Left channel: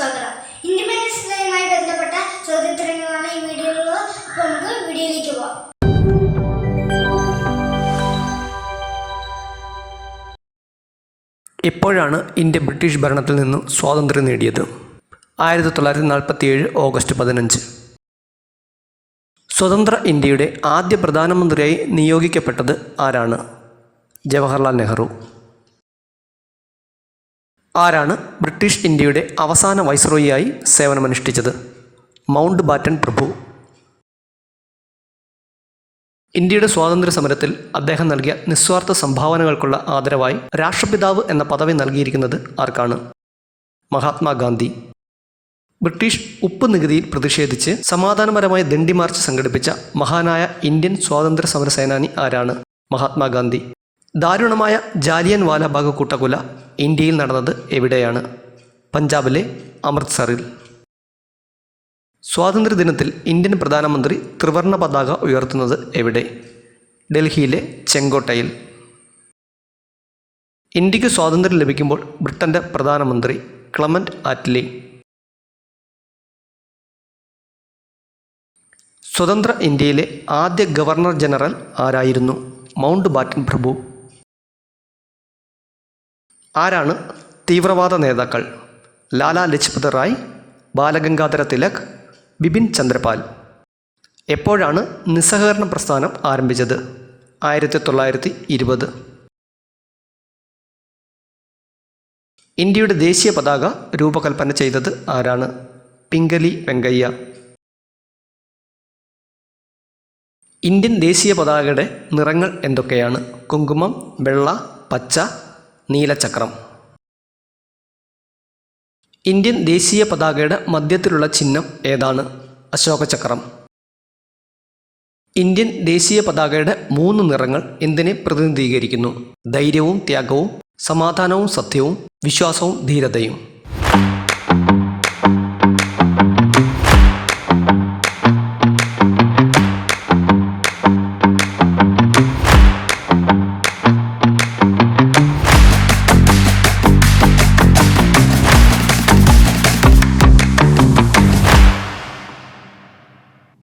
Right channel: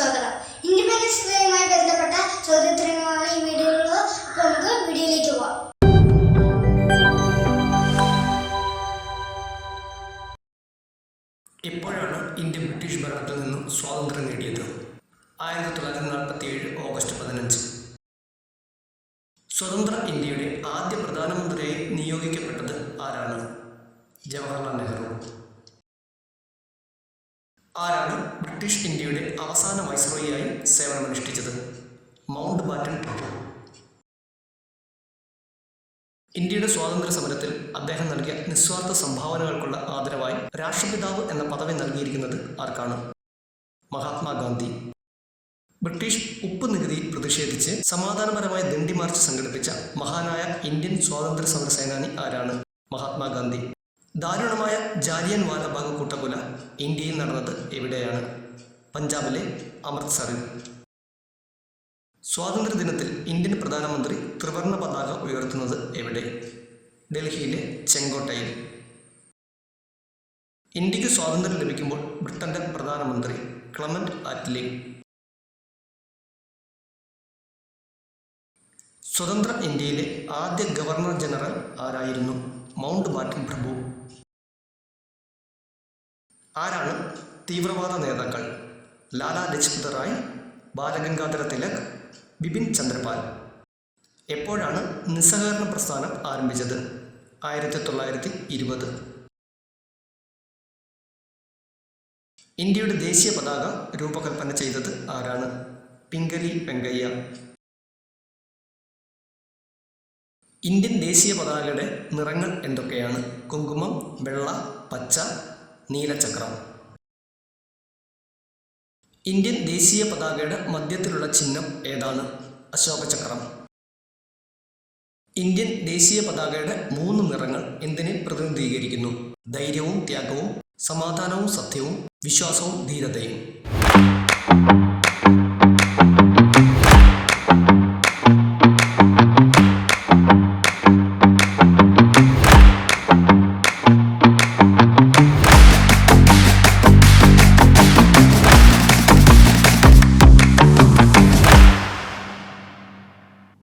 സ്വാഗതം. ഇൻഡിപെൻഡൻസ് ഡേയുമായി ബന്ധപ്പെട്ട ചോദ്യോത്തരങ്ങളാണ് ഈ വീഡിയോയിലുള്ളത്. അപ്പോൾ നമുക്ക് വീഡിയോയിലേക്ക് പോകാം. എപ്പോഴാണ് ഇന്ത്യ ബ്രിട്ടീഷ് ഭരണത്തിൽ നിന്നും സ്വാതന്ത്ര്യം നേടിയത്? 1947 ഓഗസ്റ്റ് 15. സ്വതന്ത്ര ഇന്ത്യയുടെ ആദ്യ പ്രധാനമന്ത്രിയായി നിയോഗിക്കപ്പെട്ടത് ആരാണ്? ജവഹർലാൽ നെഹ്റു. ആരാണ് ബ്രിട്ടീഷ് ഇന്ത്യയുടെ അവസാന വൈസ്രോയിയായി സേവനമനുഷ്ഠിച്ചത്? മൗണ്ട് ബാറ്റൻ പ്രഭു. ഇന്ത്യയുടെ സ്വാതന്ത്ര്യ സമരത്തിൽ അദ്ദേഹം നൽകിയ നിസ്വാർത്ഥ സംഭാവനകൾക്കുള്ള ആദരവായി രാഷ്ട്രപിതാവ് എന്ന പദവി നൽകിയിരിക്കുന്നത് ആർക്കാണ്? മഹാത്മാഗാന്ധി. ബ്രിട്ടീഷ് ഉപ്പ് നികുതിയിൽ പ്രതിഷേധിച്ച് സമാധാനപരമായ ദണ്ഡി മാർച്ച് സംഘടിപ്പിച്ച മഹാനായ ഇന്ത്യൻ സ്വാതന്ത്ര്യ സമര സേനാനി ആരാണ്? മഹാത്മാഗാന്ധി. ദാരുണമായ ജാലിയൻ വാലാബാഗ് കൂട്ടക്കൊല ഇന്ത്യയിൽ നടന്നത് എവിടെയാണ്? പഞ്ചാബിലെ അമൃത്സറിൽ. സ്വാതന്ത്ര്യദിനത്തിൽ ഇന്ത്യൻ പ്രധാനമന്ത്രി ത്രിവർണ്ണ പതാക ഉയർത്തുന്നത് എവിടെ? ഡൽഹിയിലെ ചെങ്കോട്ടയിൽ. ഇന്ത്യക്ക് സ്വാതന്ത്ര്യം ലഭിക്കുമ്പോൾ ബ്രിട്ടൻ്റെ പ്രധാനമന്ത്രി ക്ലെമന്റ് ആറ്റ്ലി. സ്വതന്ത്ര ഇന്ത്യയിലെ ആദ്യ ഗവർണർ ജനറൽ ആരായിരുന്നു? മൗണ്ട് ബാറ്റൻ പ്രഭു. ആരാണ് തീവ്രവാദ നേതാക്കൾ? ലാലാ ലജ്പത് റായ്, ബാലഗംഗാധര തിലക്, ബിപിൻ ചന്ദ്രപാൽ. എപ്പോഴാണ് നിസ്സഹകരണ പ്രസ്ഥാനം ആരംഭിച്ചത്? 1920. ഇന്ത്യയുടെ ദേശീയ പതാക രൂപകൽപ്പന ചെയ്തത് ആരാണ്? പിംഗലി വെങ്കയ്യ. ഇന്ത്യൻ ദേശീയ പതാകയുടെ നിറങ്ങൾ എന്തൊക്കെയാണ്? കുങ്കുമം, വെള്ള, പച്ച, നീലചക്രം. ഇന്ത്യൻ ദേശീയ പതാകയുടെ മധ്യത്തിലുള്ള ചിഹ്നം ഏതാണ്? അശോകചക്രം. ഇന്ത്യൻ ദേശീയ പതാകയുടെ 3 നിറങ്ങൾ എന്തിനെ പ്രതിനിധീകരിക്കുന്നു? ധൈര്യവും ത്യാഗവും, സമാധാനവും സത്യവും, വിശ്വാസവും ധീരതയും.